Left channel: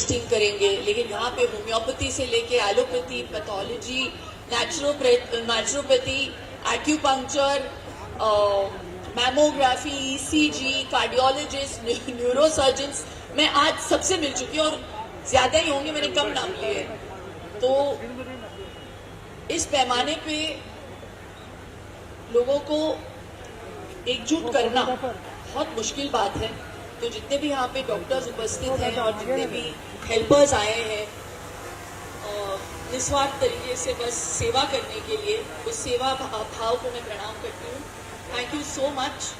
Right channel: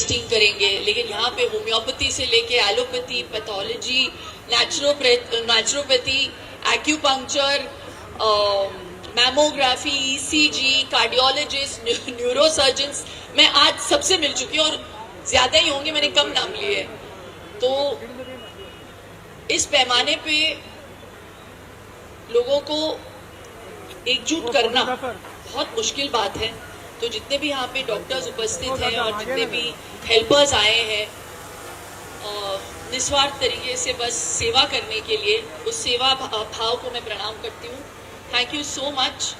Testing करेंगे, लेकिन यहाँ पे होम्योपैथी से लेके allopathy, pathology, naturopathy, acupuncture, mammography, ECG, cardiologist, neurosurgeons, मैं आज सबसे मिल चुकी हूँ और ज्यादा ही होंगे, मैंने कम नाम लिए। तो इस पैमाने पे लोगों को एकजुट करना बहुत मुश्किल बात है। तो जितने भी यहाँ पे डॉक्टर्स उपस्थित हैं और जितने भी हेल्पर्स आए हैं निस्वार्थ तरीके से बस सेवा करने के लिए, उस सेवा भाव को मैं प्रणाम करती हूँ। Thank you so much.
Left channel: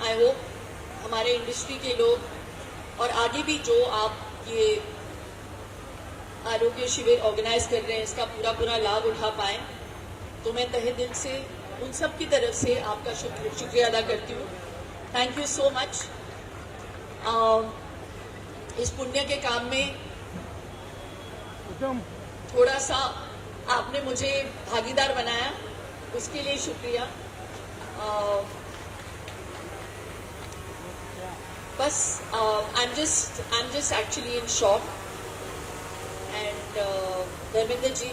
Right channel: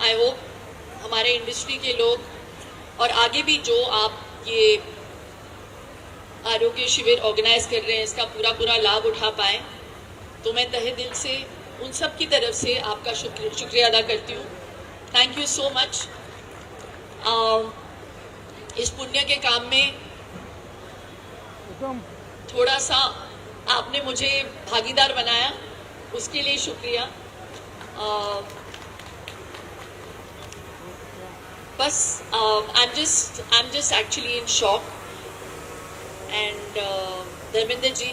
I hope हमारे इंडस्ट्री के लोग और आगे भी जो आप ये आरोग्य शिविर ऑर्गेनाइज कर रहे हैं इसका पूरा लाभ उठा पाए। तो मैं तहे दिल से उन सब की तरफ से आपका शुक्रिया अदा करती हूँ। Thank you so much. इस पुण्य के काम में थोड़ा सा आपने मुझे भागीदार बनाया, उसके लिए शुक्रिया। बस I am just actually in shock. And Dharmendra ji,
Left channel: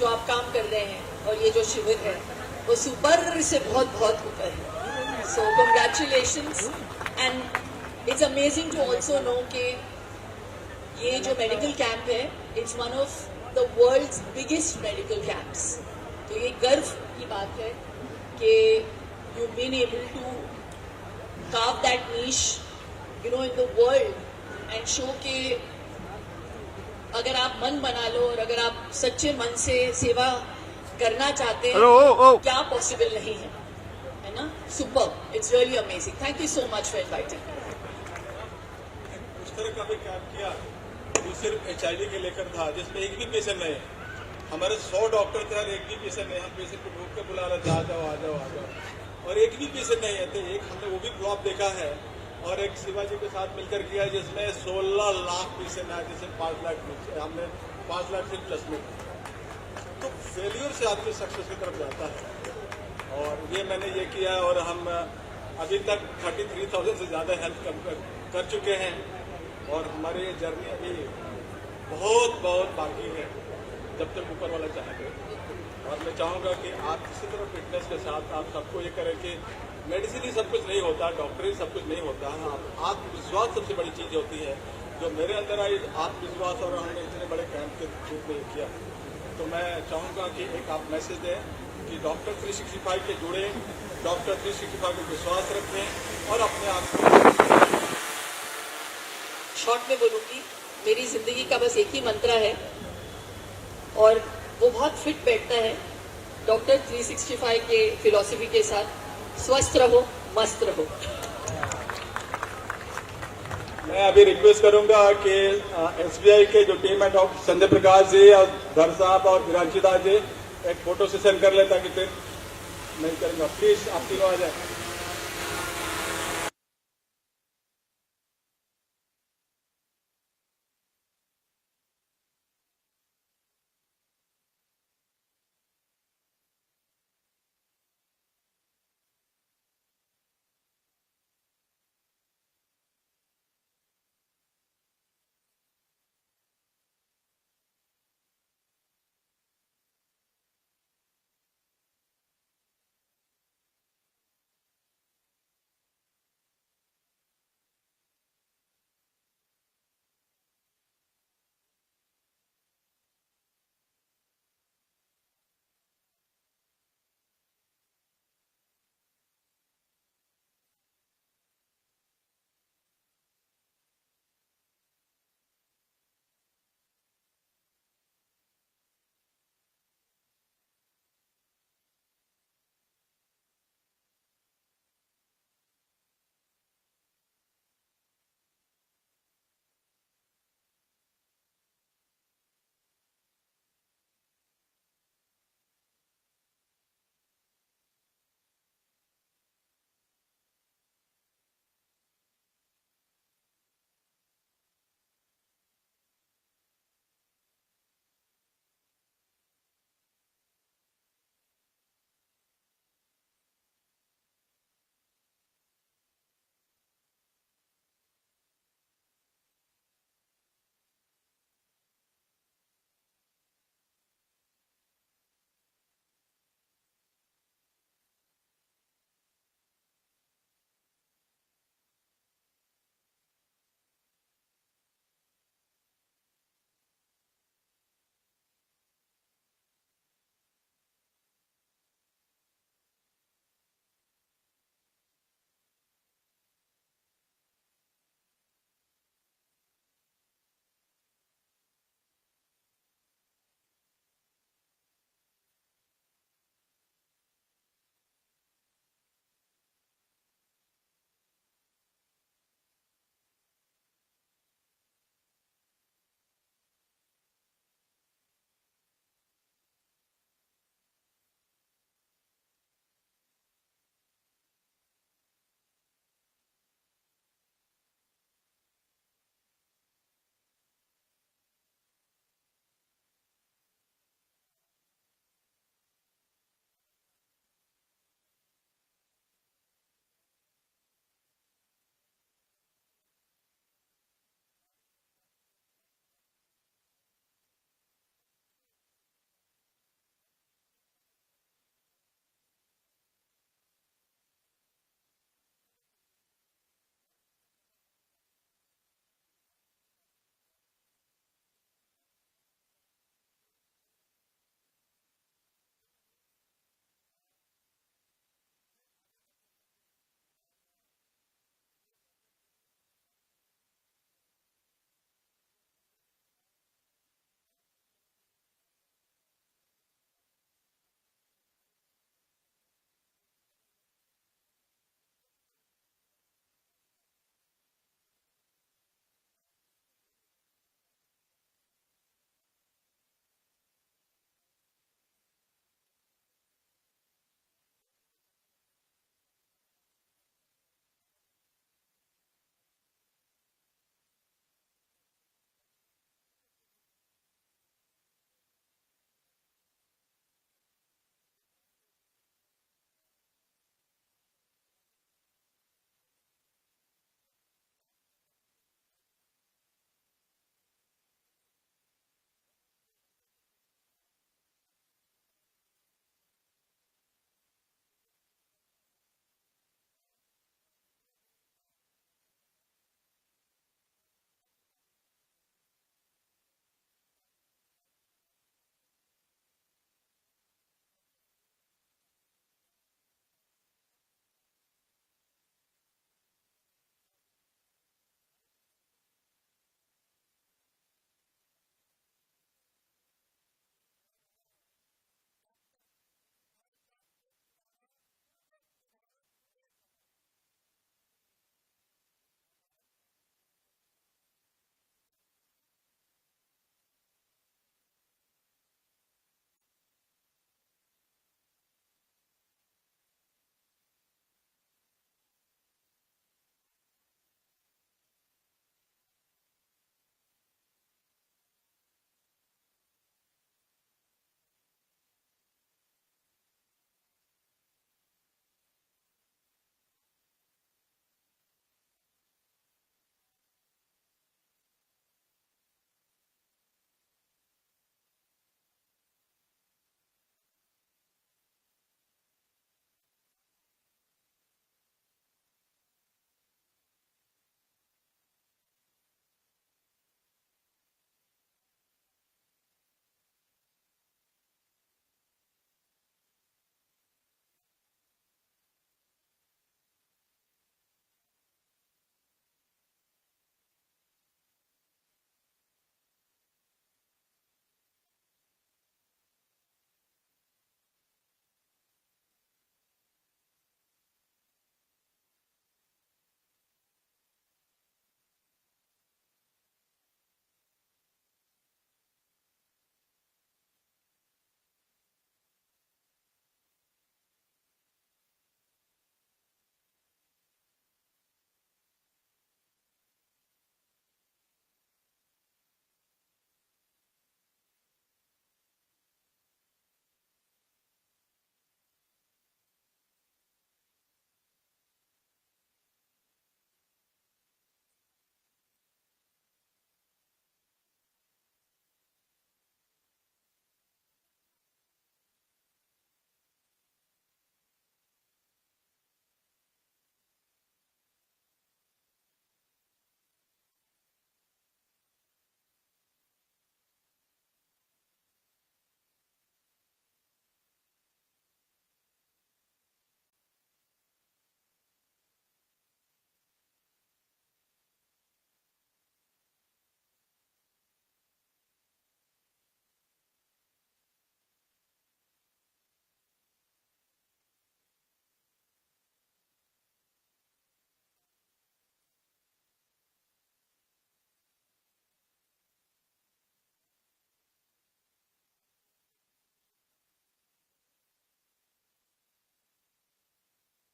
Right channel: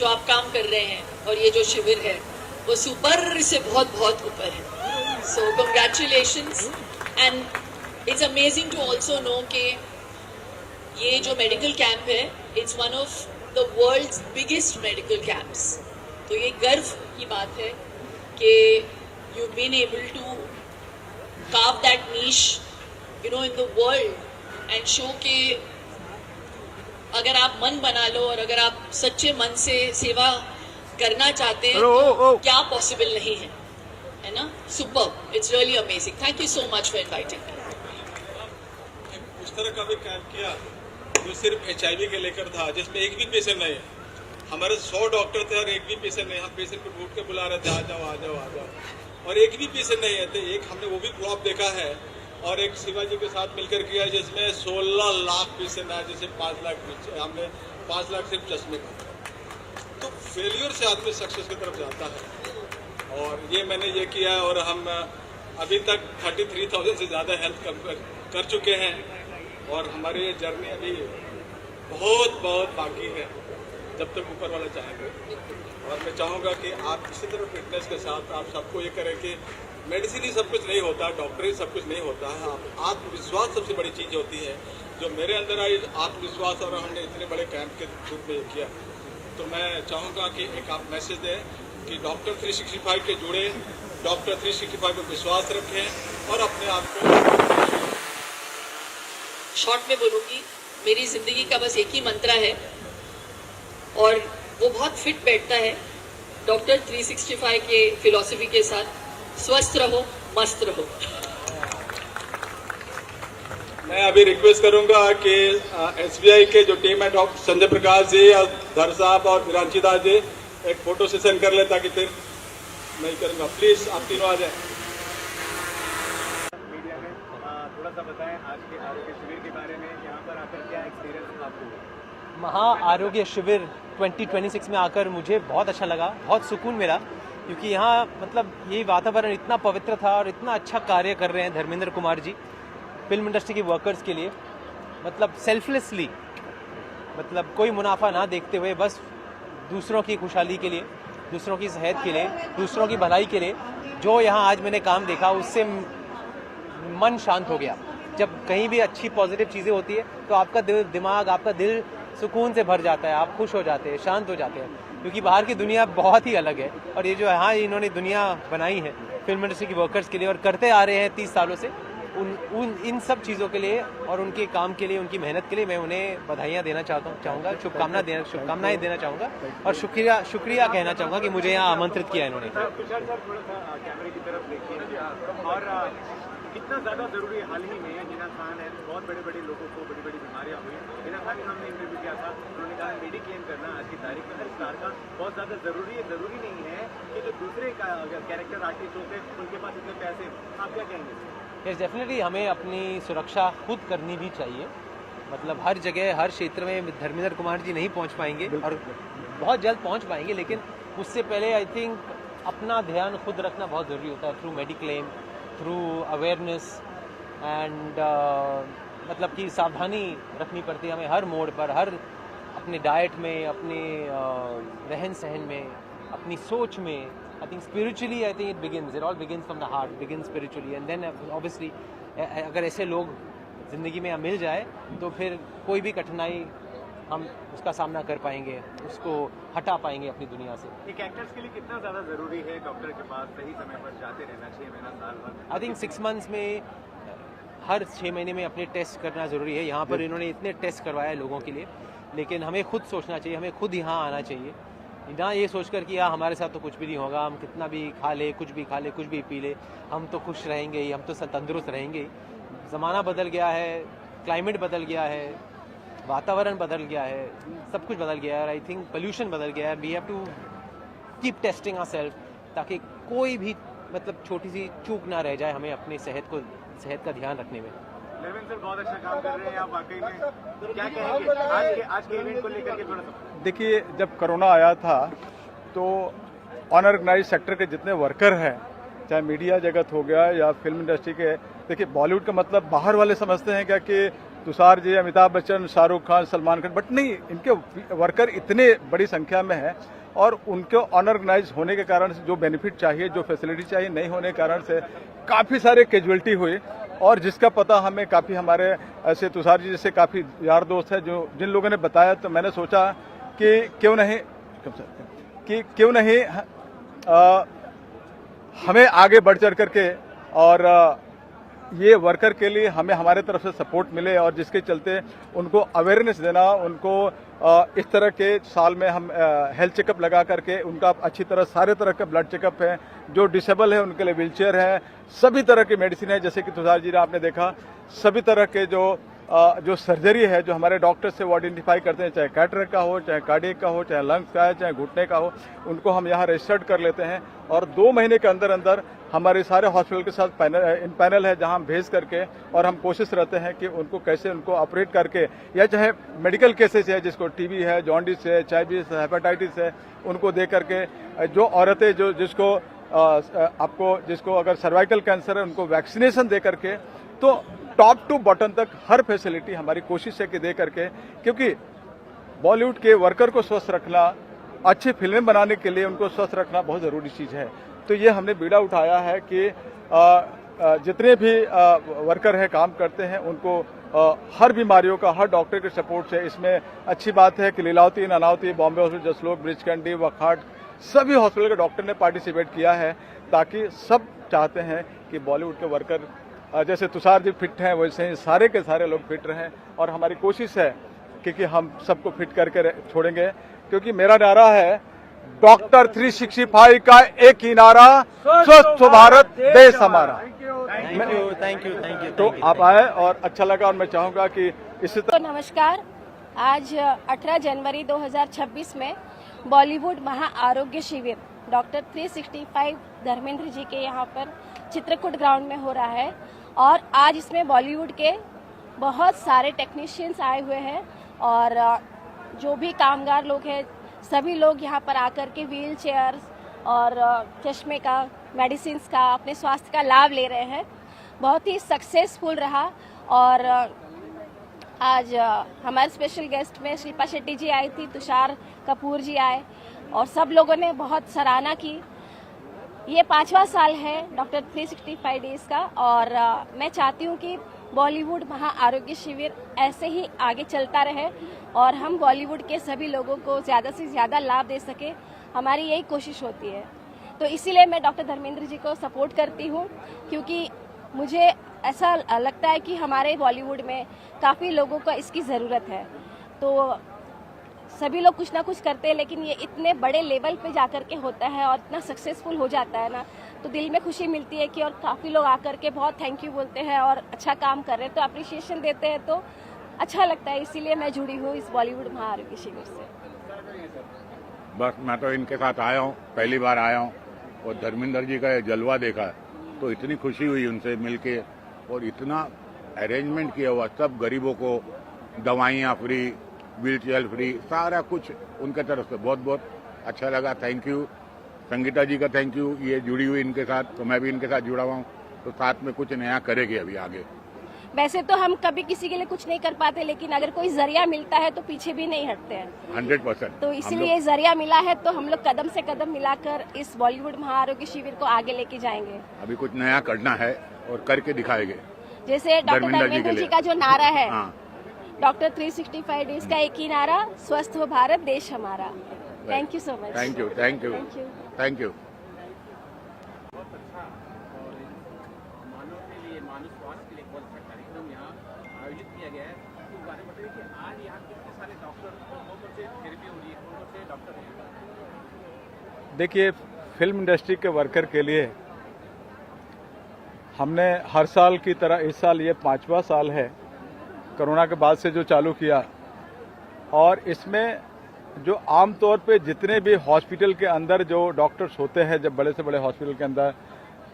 जो आप काम कर रहे हैं और ये जो शिविर है वो सुपर से बहुत ऊपर है। So congratulations. And it's amazing to also know कि ये जो मेडिकल कैंप है it's one of the world's biggest medical camps. तो ये गर्व की बात है कि you been able to carve that niche, you know, in the world and show के अगर आप मन बना लो और अगर आप सच्चे मन से सेवा करना चाहते हैं क्या पॉसिबल नहीं है ना? Super, it's really amazing. Thank you so much for inviting. उस तरह का भी कैंप किया जो सिर्फ HIV के लेकर था, जिसमें एक भी पेशेंट नहीं है। हमारे 100 डॉक्टर थे और एक भी पेशेंट नहीं। हम पेशेंट को ढूंढ के बुला रहे थे, आ जाओ, और एक भी पेशेंट नहीं है। एक हमने वो भी क्रॉप देखा है और एक शिवाजी के साथ मिलकर किया जिसमें 16 लाख पेशेंट आए, जैसे 5 लाख हमने 5 लाख सिर्फ चश्मे का। तो फेलियर से आदमी सक्सेस की तरफ जाता है और ये मैंने ये किया और हम अभी तक 33,000 से ज़्यादा हेल्थ कर चुके हैं और हमारी ये जर्नी अभी बहुत बाकी है, जब तक ऊपर वाला चाहेगा। और मैं चाहूँगा कि आप इसी तरह फिटनेस के साथ आप सबको ये करें कि मेडिसिन ही सब कुछ नहीं होता, डॉक्टर ही सब कुछ नहीं होता है। आत्मविश्वास सबसे बड़ी चीज़ होती है, जो मेरे अंदर आई आत्मविश्वास, और हमने इतने बड़े कैंप के रूप में किया। तो मैं चाहूँगा कि एक आप मैसेज दें कि डॉक्टर 365 के जुड़े, डॉक्टर 365 पर विश्वास रखें और अपने आप को। शॉर्ट में बोलूँगी, मेरी जिंदगी का बस एक ही मंत्र है और वो बहुत फिट बैठता है डॉक्टर 365 के फिलॉसफी के साथ। स्वस्थ रहो, मस्त रहो। मैं अभी रिक्वेस्ट करूंगा कि SBI के जो टीम है डॉक्टर संजय प्रकाश जी और धर साहब और विरांची दास जी एक फोटो सेशन कर ले, ताकि फिर नहीं करूंगा। प्लीज आप तीनों आ जाए। मीडिया में थोड़ा सा बताएं आज के आरोग्य शिविर के बारे में, यहाँ पर आकर क्या एक्सपीरियंस आपको? महा आरोग्य शिविर 2026 में आकर मुझे बहुत अच्छा लगा, बहुत सुकून मिला, क्योंकि यहाँ मतलब ये वातावरण इतना पवित्र था और इतना अच्छा कार्य कर रहे हैं धर्मेंद्र कुमार जी फिल्म इंडस्ट्री के वर्कर्स के लिए। मतलब सेल्फलेसली, मतलब कोई मुनाफा ना देखते हुए बस दूसरों की खुशहाली के लिए, दूसरों की सेहत के लिए, दूसरों की भलाई के लिए, जो यहाँ आज मैंने काम देखा उससे मन शांत हो गया। जब कहीं भी अच्छी पॉजिटिव चीज़ें होती है तो आपका दिमाग, आपका दिल सुकून से भर जाता है, आप खुश हो जाते हैं, शांत हो जाते हैं, क्योंकि बाहर की दुनिया बहुत ही अलग है। और ये जो यहाँ इन्होंने दुनिया बनाई है फिल्म इंडस्ट्री के वर्कर्स के लिए और करते आ रहे हैं 30 सालों से, इन सब चीज़ों के लिए और उनके काम के लिए, उनकी मेहनत के लिए मैं उन्हें बधाइयाँ देना चाहूँगा, शुभकामनाएं देना चाहूँगा और शुक्रिया कहना चाहूँगा कि मुझे यहाँ आमंत्रित किया इन्होंने। तुषार सर, थोड़ा सा कैमरे की तरफ देखिए। और कितना ज़्यादा ज़रूरी है, हाल ही में जिना खान है, बहुत बड़े लोगों को बड़ी बीमारियाँ हुई। जिना खान ने हमने इंटरव्यू किया था, उन्होंने कहा मेडिक्लेम करना आज की तारीख में हर स्टार का बहुत ज़्यादा ज़रूरी है। ज़रूरी नहीं है कि जो दूसरे कैरेक्टर आर्टिस्ट होते हैं उनके पास इतने पैसे। आप क्या कहेंगे? यस, डेफिनेटली हमें अपनी सुरक्षा खुद करनी भी चाहिए। मतलब हर जगह, हर क्षेत्र में धर्मेंद्र कुमार जी नहीं पहुंच पाएंगे और बहुत जल्द पहुंच पाएंगे, लेकिन उससे पहले आई थिंक अपना ध्यान खुद रखना बहुत ज़रूरी होता है, through mediclaim, through awareness and मतलब कि सावधानी रखनी पड़ती है हमें हर मोड़ पर, हर अपने डाइट में, अपने रहन सहन में, अपनी सोच में. I think spiritually I think it all begins from the heart, begin spiritually, and then obviously अगर ऐसे लोग ज़िंदगी में मिल जाए तो फिर कोई भी कठिनाई हम उसका सामना कर पाएंगे, उसको हटा पाएंगे अपनी दुनिया से. एक एक्टर्स के लिए कितना ज़्यादा ज़रूरी है डॉक्टर के पास सही समय पर जाते रहना, 6 महीना साल भर? आई थिंक 6 मंथ्स में हर 6 महीने में अपने टेस्ट करना ज़रूरी है. यहाँ पर इन्होंने इतने टेस्ट करवाए लोगों के लिए, लेकिन हमें खुद सोचना चाहिए, हमें खुद यहाँ आना चाहिए, ना ये सोचकर कि यार हमारे साथ तो कुछ भी नहीं होगा, हम कितना भी खा ले, कुछ भी खा ले, कुछ भी पी ले, हम तो खुश रहेंगे ही, हम तो तंदुरुस्त रहेंगे ही. ज़माना बदल गया है, क्लाइमेट बदल गया है, वातावरण बदल गया है, सब कुछ बदल गया है. आई थिंक पोल्यूशन बदल गया है. We have to keep testing ourself, ताकि कोई भी मतलब छोटी सी चूक ना रह जाए हमें अपनी सेहत का ध्यान रखने में. धर्मेंद्र सर बहुत अच्छा काम कर रहे हैं आप वाकई में, क्या कहेंगे आज के इवेंट को लेकर के? थोड़ा सा देखिए, जब कोरोना आया था तो अनऑर्गेनाइज सेक्टर के जितने वर्कर हैं, चाहे मीडिया जगत हो गया या फिल्म इंडस्ट्री के, देखिए बॉलीवुड का मतलब बाहर वाले समझते हैं क्या कि तुषार जी, अमिताभ बच्चन, शाहरुख खान, सलमान खान, बट नहीं, इनके वर्कर इतने बड़ी संख्या में हैं और उनके अनऑर्गेनाइज होने के कारण से जो बेनिफिट चाहिए, जो फैसिलिटी चाहिए, नहीं होने के कारण से काफ़ी सारे कैजुअलिटी हुई. और जिसका पता हमें काफ़ी हमारे ऐसे तुषार जी जैसे काफ़ी यार दोस्त हैं जो जिन लोगों ने बताया, तो मैंने सोचा कि क्यों नहीं हमें आगे बढ़ चढ़ करके और ये वर्कर के लिए हमें हमारे तरफ से सपोर्ट मिले, और जिसके चलते उनको अवेयरनेस देना, उनको इस तरह के साल में हम हेल्थ चेकअप लगा करके उनका अच्छी तरह सारे तरह के ब्लड चेकअप है, जो डिसेबल है उनके लिए व्हीलचेयर है, सभी तरह की मेडिसिन है, जैसे कि तुषार जी ने आपने देखा, सभी तरह के जो सर्जरी है जो हमारे डॉक्टर से वो आइडेंटिफाई करते हैं, चाहे कैटरेक्ट का हो, चाहे कार्डियक का हो, चाहे लंग्स का है, चाहे घुटने का हो, उनको हम यहाँ रजिस्टर्ड कर लेते हैं. और 2 महीने के अंदर अंदर हमारे सारे हॉस्पिटल के साथ पैनल है जहाँ हम भेज करके, और हम कोशिश रहते हैं कि उनको कैसे उनको ऑपरेट करके, या चाहे मेडिकल केसेस है जिसको टीबी है, जॉन्डिस है, HIV है, हेपेटाइटिस है, उनको दे करके, जो औरतें जिसको अगर सर्वाइकल कैंसर है उनको वैक्सीनेशन दे करके, तो टॉप टू बॉटम तक हर फैसिलिटी हमारी कोशिश है कि दे करके, क्योंकि बॉलीवुड के वर्कर को स्वस्थ रखना, अच्छी फिल्में बनाने के लिए उनको स्वस्थ रखना बहुत ज़रूरी चीज़ है. तो ये हमने बीड़ा उठाया है कि जितने भी वर्कर हैं, काम करते हैं, उनको हर बीमारियों का हर डॉक्टर के सपोर्ट से. इसमें अच्छी बात है कि लीलावती, नानावती, बॉम्बे हॉस्पिटल, जसलोक, ब्रिज कैंडी, वखाट, सभी हॉस्पिटल के डॉक्टर ने पार्टिसिपेट किया है, ताकि सब चाहते हैं कि बॉलीवुड के वर्कर जैसे तुषार जी फिट हैं वैसे ही सारे के सारे लोग फिट रहें. और हमारी कोशिश है कि हम सबको फिट करके छोड़ेंगे, क्योंकि मेरा नारा है डॉक्टर 365 का एक ही नारा, स्वस्थ भारत देश हमारा. Thank you. तो आप आए और अच्छा लगा, और मैं चाहूँगा कि इसी तो नमस्कार. आज 18 जनवरी 2026 में बॉलीवुड महा आरोग्य शिविर डॉक्टर 365 धर्मेंद्र जी के यहाँ पर चित्रकूट ग्राउंड में हो रहा है, और आज इसमें बॉलीवुड के बहुत सारे टेक्नीशियंस आए हुए हैं, और जो भी कामगार लोग हैं सभी लोग यहाँ पर आकर के व्हील चेयर और चश्मे का, मेडिसिन्स का, अपने स्वास्थ्य का लाभ ले रहे हैं. बहुत ही सक्सेसफुल रहा. और आज हमारे स्पेशल गेस्ट में शिल्पा शेट्टी जी आई थी, तुषार कपूर जी आए, और सब लोगों ने बहुत सराहना की. ये 5वां साल है डॉक्टर 365 डेज का, और मैं चाहती हूँ कि बॉलीवुड महा आरोग्य शिविर ऐसे ही आगे चलता रहे और हम बॉलीवुड के सभी लोगों को ज़्यादा से ज़्यादा लाभ दे सके. हमारी यही कोशिश होती है. तो इसीलिए मैं डॉक्टर धर्मेंद्र जी को सपोर्ट करती हूँ, क्योंकि मुझे ऐसा लगता है कि हमारे बॉलीवुड में काफ़ी लोगों को इसकी ज़रूरत है. तो सभी लोग कुछ ना कुछ करते हैं, लेकिन ये इतने बड़े लेवल पे जाकर के होता है और इतना सक्सेसफुल हो जाता है ना, तो दिल में खुशी मिलती है कि और काफ़ी लोग आकर के बहुत थैंक यू बोलते हैं और अच्छा काम कर रहे हैं, तो अप्रिशिएशन देते हैं, तो अच्छा लगता है. इसीलिए मैं जुड़ी हूँ इस बॉलीवुड महा आरोग्य शिविर से. बस मैं तो इनके साथ आया हूँ, पहली बार आया हूँ, और धर्मेंद्र जी का जलवा देखा तो इतनी खुशी हुई उनसे मिलके, और इतना अरेंजमेंट किया हुआ, सब गरीबों को दवाइयाँ फ्री, व्हील चेयर फ्री, सारा कुछ उनके तरफ से बहुत बहुत अच्छा लगा. Thank you. संगीता जी का थैंक यू, ये जुड़ी हुई इनके साथ, तो मैं भी इनके साथ जुड़ा हुआ हूँ, तो साथ में कुछ नया करेंगे अभी आगे. वैसे तो हम कभी किसी के लिए कुछ नहीं कर पाते, लेकिन अगर कोई जरिया मिलता है तो पीछे भी नहीं हटते हैं। 100%। तो इसीलिए जरिया मिला है तो हम लोग कदम से कदम मिलाकर इस बॉलीवुड महाआरोग्य शिविर को आगे लेके जाएंगे। अभी कुछ नया करना है और करके दिखाएंगे। जैसे डॉक्टर धर्मेंद्र जी का जो नारा है, हाँ, डॉक्टर 365 डेज का एक ही नारा, स्वस्थ हो भारत देश हमारा। Thank you so much. Thank you, thank you, thank you. Thank you. मानव के लिए, मानव स्वास्थ्य के लिए बहुत अच्छा कार्यक्रम यहाँ आयोजित किया गया है। तो बारे में बताइए कि आज यहाँ कितने सारे डॉक्टर, कौन से थेरेपी हो रही है, कौन से डॉक्टर हैं? देखिए, फिल्म इंडस्ट्री के वर्कर के लिए हमने हर साल की तरह इस साल ये 5वां साल है कोरोना के बाद से जो चालू किया, और इसमें जो आमतौर पे जितने भी हॉस्पिटल के अंदर जो डॉक्टर्स होते हैं, जब बड़े से बड़े हॉस्पिटल के अंदर,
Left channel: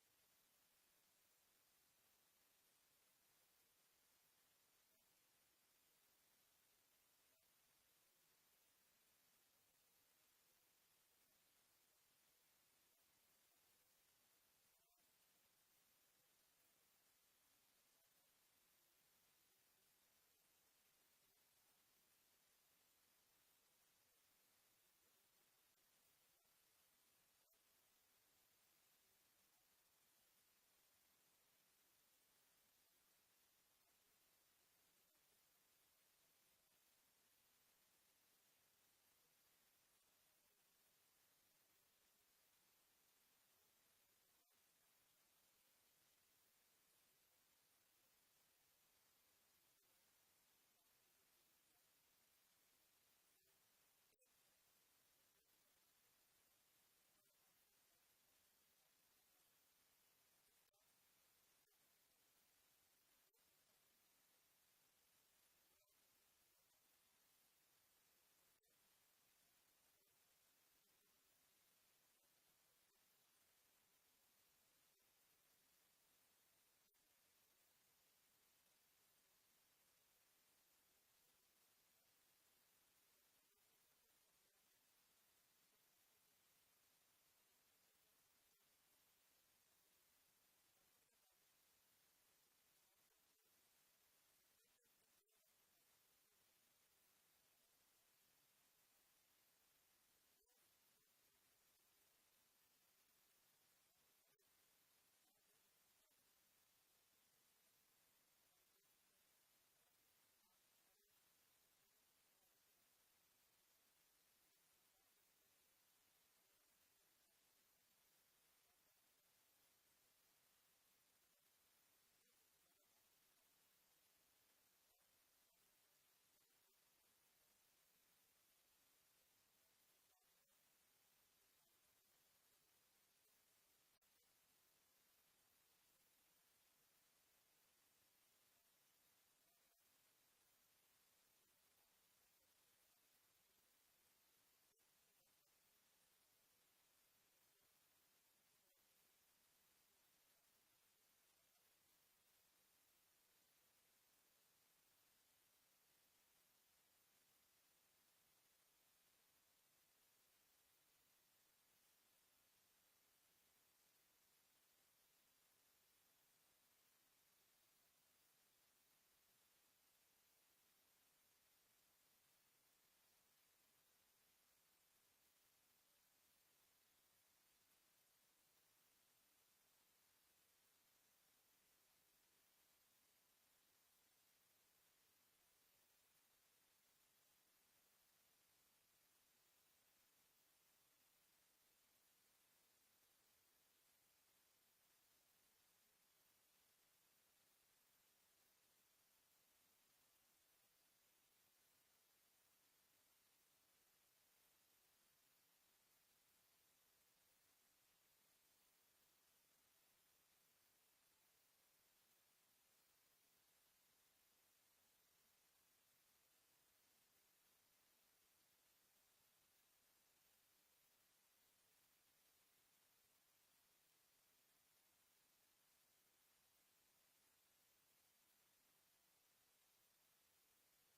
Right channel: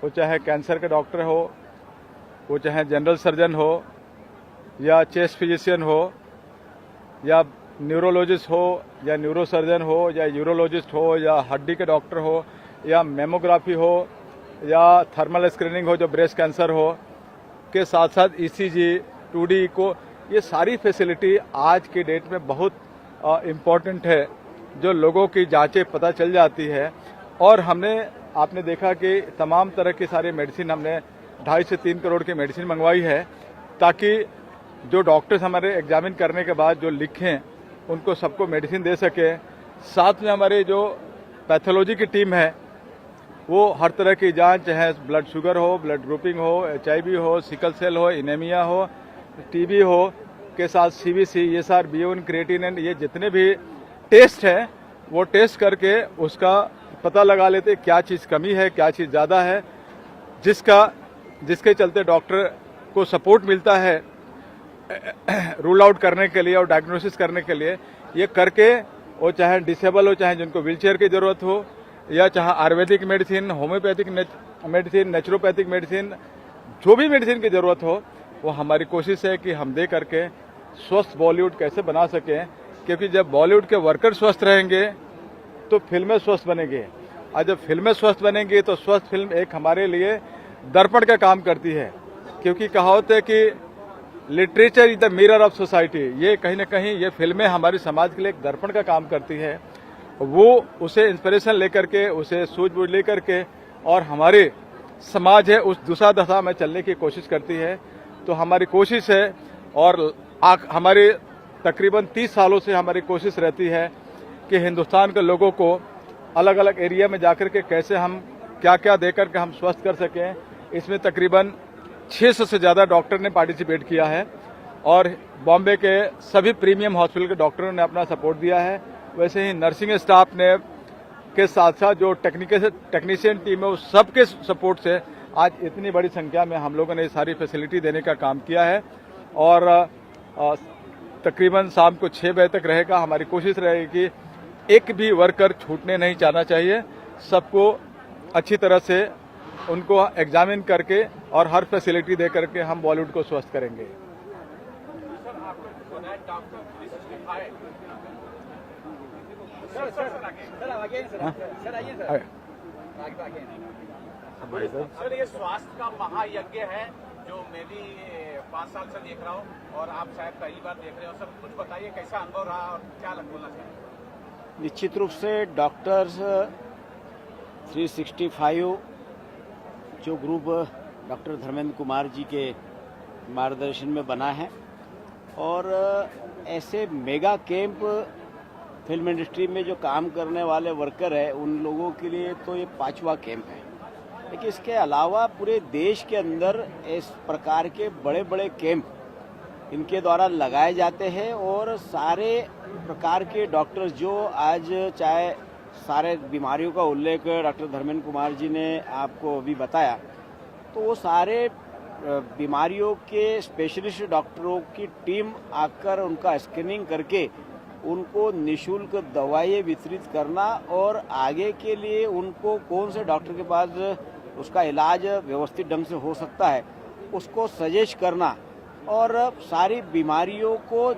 वो चाहे कैंसर के डॉक्टर हो, वो चाहे जनरल सर्जन हो, या चेस्ट फिजिशियन हो, या न्यूरोलॉजिस्ट हो, या न्यूरो सर्जन हो, या यूरोलॉजिस्ट हो, या हड्डी के डॉक्टर हो, या मेमोग्राफी हो, या थर्मल स्क्रीनिंग हो जो ब्रेस्ट कैंसर हो, के साथ साथ ECG, 2D को, ये सारी फैसिलिटी आज की डेट में बहुत इम्पॉर्टेंट है, जो लोगों की जांचें पता चल जाती है। और हमने, आपने देखा कि तमाम तरह की सारी मेडिसिन हमने 2.5 से 3 करोड़ की मेडिसिन मंगवाई है, ताकि जो डॉक्टर्स हमारे एग्जामिन करने के बाद जो लिखें उनको सबको मेडिसिन दे सके। साथ में हमारे जो पैथोलॉजी की टीम है वो हर तरह की जांच, चाहे ब्लड शुगर हो, ब्लड ग्रुपिंग हो, HIV हो, सिकल सेल हो, एनीमिया हो, TB हो, के साथ CBC, ESR, BUN, क्रिएटिनिन, ये जितने भी टेस्ट हैं वो टेस्ट करके उसका पता लगा लेते क्या चीज़ कमी है, क्या चीज़ ज़्यादा है, जिसके चलते डॉक्टर को सपोर्ट मिलता है रूल आउट करने के लिए और डायग्नोसिस करने के लिए। ये करके वो चाहे डिसेबल हो, चाहे जिनको व्हीलचेयर की ज़रूरत हो, या चाहे Ayurvedic medicine, homeopathic medicine, naturopathic medicine, जो भी मेडिसिन की ज़रूरत हो, वो हमारी कोशिश है कि हम दे करके स्वस्थ बॉलीवुड कैसे बना सकें। क्योंकि जब बॉलीवुड के वर्कर स्वस्थ रहेंगे तो फिल्में स्वस्थ बनेंगी, और जब फिल्में स्वस्थ बनेंगी तो स्वस्थ फिल्म एक हमारे लिए दर्पण का काम करती है। क्योंकि कहावत है कि literature is the mirror of society, ये कहीं ना कहीं ये फिल्में हमारे समाज के लिए एक दर्पण का काम करती है। वो उसे इंस्पिरेशन लेकर के, उसे सूझबूझ लेकर के, और हमारे समाज है उस दूसरा दशा में चलने की कोशिश करती है। तो हमारी कोशिश है, और हमारे तकरीबन 30 सालों से हमारी कोशिश रहती है कि हिंदुस्तान के लोगों को अलग अलग एरिया में जाकर के कैसे हम क्या क्या देकर के हम स्वस्थ कर सकें। इसमें तकरीबन 600 से ज़्यादा डॉक्टर ने पार्टिसिपेट किया है, और बॉम्बे के सभी प्रीमियम हॉस्पिटल के डॉक्टरों ने अपना सपोर्ट दिया है। वैसे ही नर्सिंग स्टाफ ने के साथ साथ जो टेक्नीशियन टीम है, उस सबके सपोर्ट से आज इतनी बड़ी संख्या में हम लोगों ने सारी फैसिलिटी देने का काम किया है। और तकरीबन शाम को 6 बजे तक रहेगा। हमारी कोशिश रहेगी कि एक भी वर्कर छूटने नहीं जाना चाहिए, सबको अच्छी तरह से उनको एग्जामिन करके और हर फैसिलिटी दे करके हम बॉलीवुड को स्वस्थ करेंगे। सर, ये स्वास्थ्य का महायज्ञ है जो मैं भी 5 साल से देख रहा हूँ, और आप शायद पहली बार देख रहे हो। सर, कुछ बताइए कैसा अनुभव रहा और क्या बोलना चाहिए? निश्चित रूप से डॉक्टर्स 365 जो ग्रुप डॉक्टर धर्मेंद्र कुमार जी के मार्गदर्शन में बना है, और ऐसे मेगा कैंप फिल्म इंडस्ट्री में जो काम करने वाले वर्कर है उन लोगों के लिए तो ये 5वां कैंप है। लेकिन इसके अलावा पूरे देश के अंदर इस प्रकार के बड़े बड़े कैंप इनके द्वारा लगाए जाते हैं, और सारे प्रकार के डॉक्टर्स जो आज, चाहे सारे बीमारियों का उल्लेख डॉक्टर धर्मेंद्र कुमार जी ने आपको अभी बताया, तो वो सारे बीमारियों के स्पेशलिस्ट डॉक्टरों की टीम आकर उनका स्क्रीनिंग करके उनको निःशुल्क दवाएं वितरित करना, और आगे के लिए उनको कौन से डॉक्टर के पास उसका इलाज व्यवस्थित ढंग से हो सकता है उसको सजेस्ट करना, और सारी बीमारियों को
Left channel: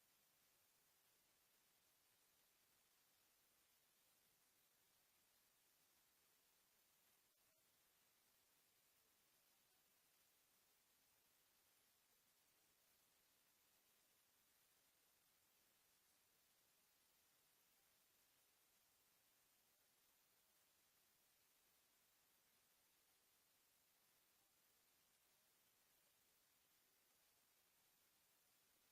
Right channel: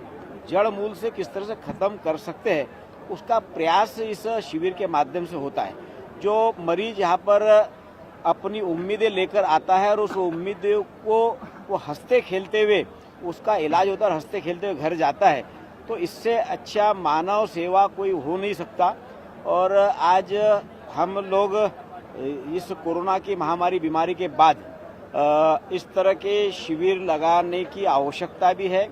जड़ मूल से किस तरह से ख़त्म कर सकते हैं उसका प्रयास इस शिविर के माध्यम से होता है। जो मरीज यहाँ पर अपनी उम्मीदें लेकर आता है और उस उम्मीदों को वो हंसते खेलते हुए उसका इलाज होता है और हंसते खेलते हुए घर जाता है, तो इससे अच्छा मानव सेवा कोई हो नहीं सकता। और आज हम लोग इस कोरोना की महामारी बीमारी के बाद इस तरह के शिविर लगाने की आवश्यकता भी है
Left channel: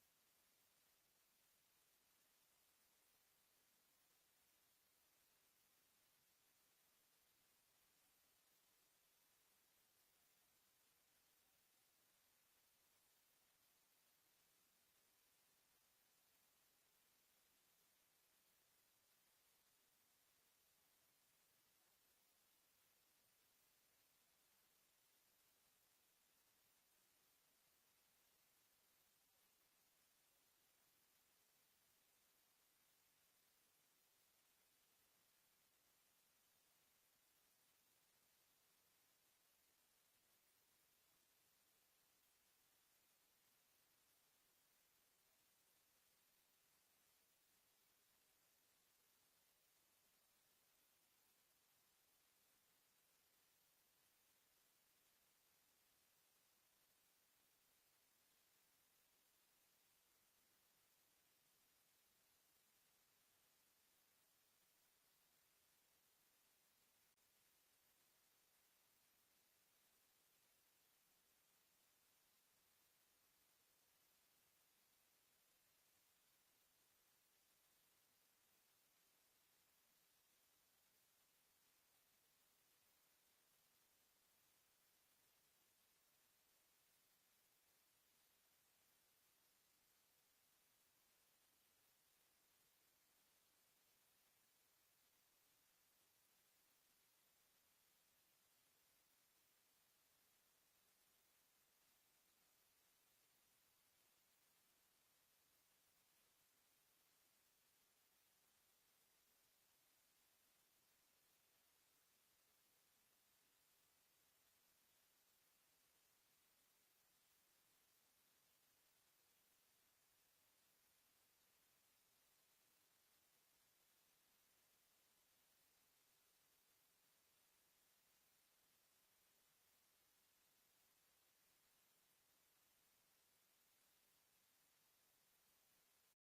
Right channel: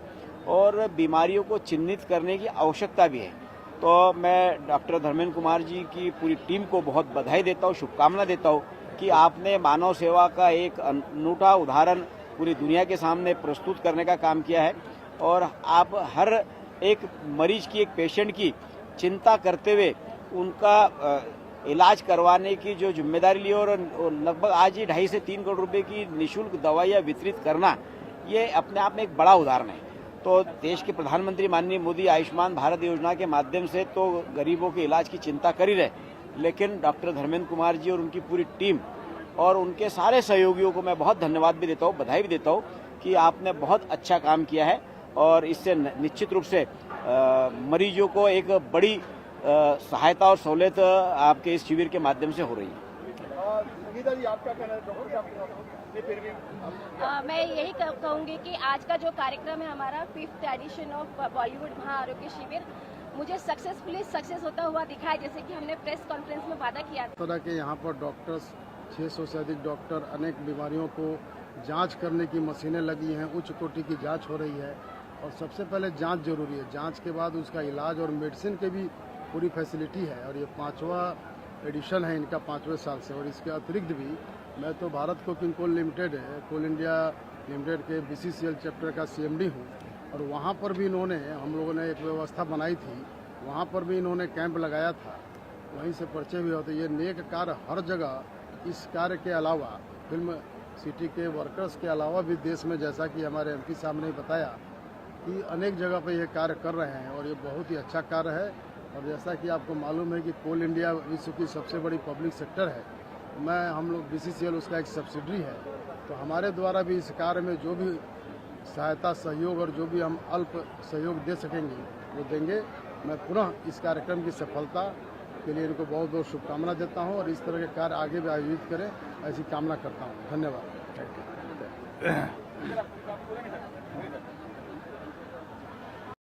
और बीमारियों को चिन्हित करने की आवश्यकता भी है। तो मैं डॉक्टर धर्मेंद्र कुमार जी की पूरी टीम को बहुत बधाई देता हूँ, शुभकामना देता हूँ कि आपने मानव सेवा का एक अनूठा उदाहरण पूरी दुनिया के सामने प्रस्तुत करने का काम किया है। और आप हर एक मरीज की, एक पेशेंट की चिंता करते हुए उनका इलाज करवाने की जो जिम्मेदारी ली और लगभग आज ही 2.5 से 3 करोड़ रुपए की निःशुल्क दवाइयाँ वितरित करना, ये अपने आप में एक बड़ा उदाहरण है। तो देश के प्रधानमंत्री माननीय मोदी आयुष्मान भारत योजना के माध्यम से तो गरीबों के इलाज की चिंता कर ही रहे, लेकिन डॉक्टर धर्मेंद्र कुमार जी और उनकी पूरी टीम और उनके सारे सहयोगियों को मैं बहुत धन्यवाद भी देता हूँ, बधाई भी देता हूँ कि आपने बहुत अच्छा काम किया है। और इससे निश्चित रूप से मरीजों को एक बड़ी सहायता और सहूलियत आपके इस शिविर के माध्यम से हो रही है। मैं यही कहूँगी कि आज का जो कार्यक्रम है हमारा 5th एडिशन ऑफ बॉलीवुड महाआरोग्य शिविर मुझे सक्सेस होता हुआ दिखा है, जैसे कि हमने प्रेस कॉन्फ्रेंस में वादा किया था। तरह के यहाँ पर डॉक्टर्स 600 से अधिक डॉक्टर, अनेक बीमारियों को जांच करने की मशीनें लगी हैं, उच्च कोटि की जांच हो रही है। और सबसे पहले जांच जरूरी है, जांच के बाद उसका इलाज और मेडिसिन की भी पूरी फैसिलिटी है। और ये 5वां एडिशन है इनका 5वें साल से। और इसके अतिरिक्त भी मैं तो भारत कोकिंग कोल लिमिटेड है, कोल इंडिया लिमिटेड के BCCL चैप्टर का CMD हूँ। और वहाँ पर भी इन्होंने, हम लोगों ने एक व्यवस्था बनाई थी, वहाँ पर भी इन्होंने कैंप लगाया था, वहीं से परिचय भी होते। ये नेक कार्य हर जगह, इस कार्य के अलावा फिल्म सिटी के वर्कर्स के अलावा भी देश में, जैसा कि हमारे MP साहब ने बताया कि अनेक जगह पर ये कार्य कर रहे हैं और ये बहुत ही अच्छा कार्य है। और जैसा कि आपको मालूम है कि कोल इंडिया विश्व की सबसे बड़ी पब्लिक सेक्टर है, हम लोग BCCL उसका एक सब्सिडरी है। तो हमारे द्वारा भी इस कार्य में जो भी सहायता, सहयोग और जो भी हम अल्प सहयोग दे सकेंगे वो देंगे। मैं पुनः इस कार्यक्रम की सफलता के लिए इनको बहुत बहुत शुभकामना देता हूं और इस तरह के कार्य आगे भी आयोजित करें, ऐसी कामना करता हूं। धन्यवाद।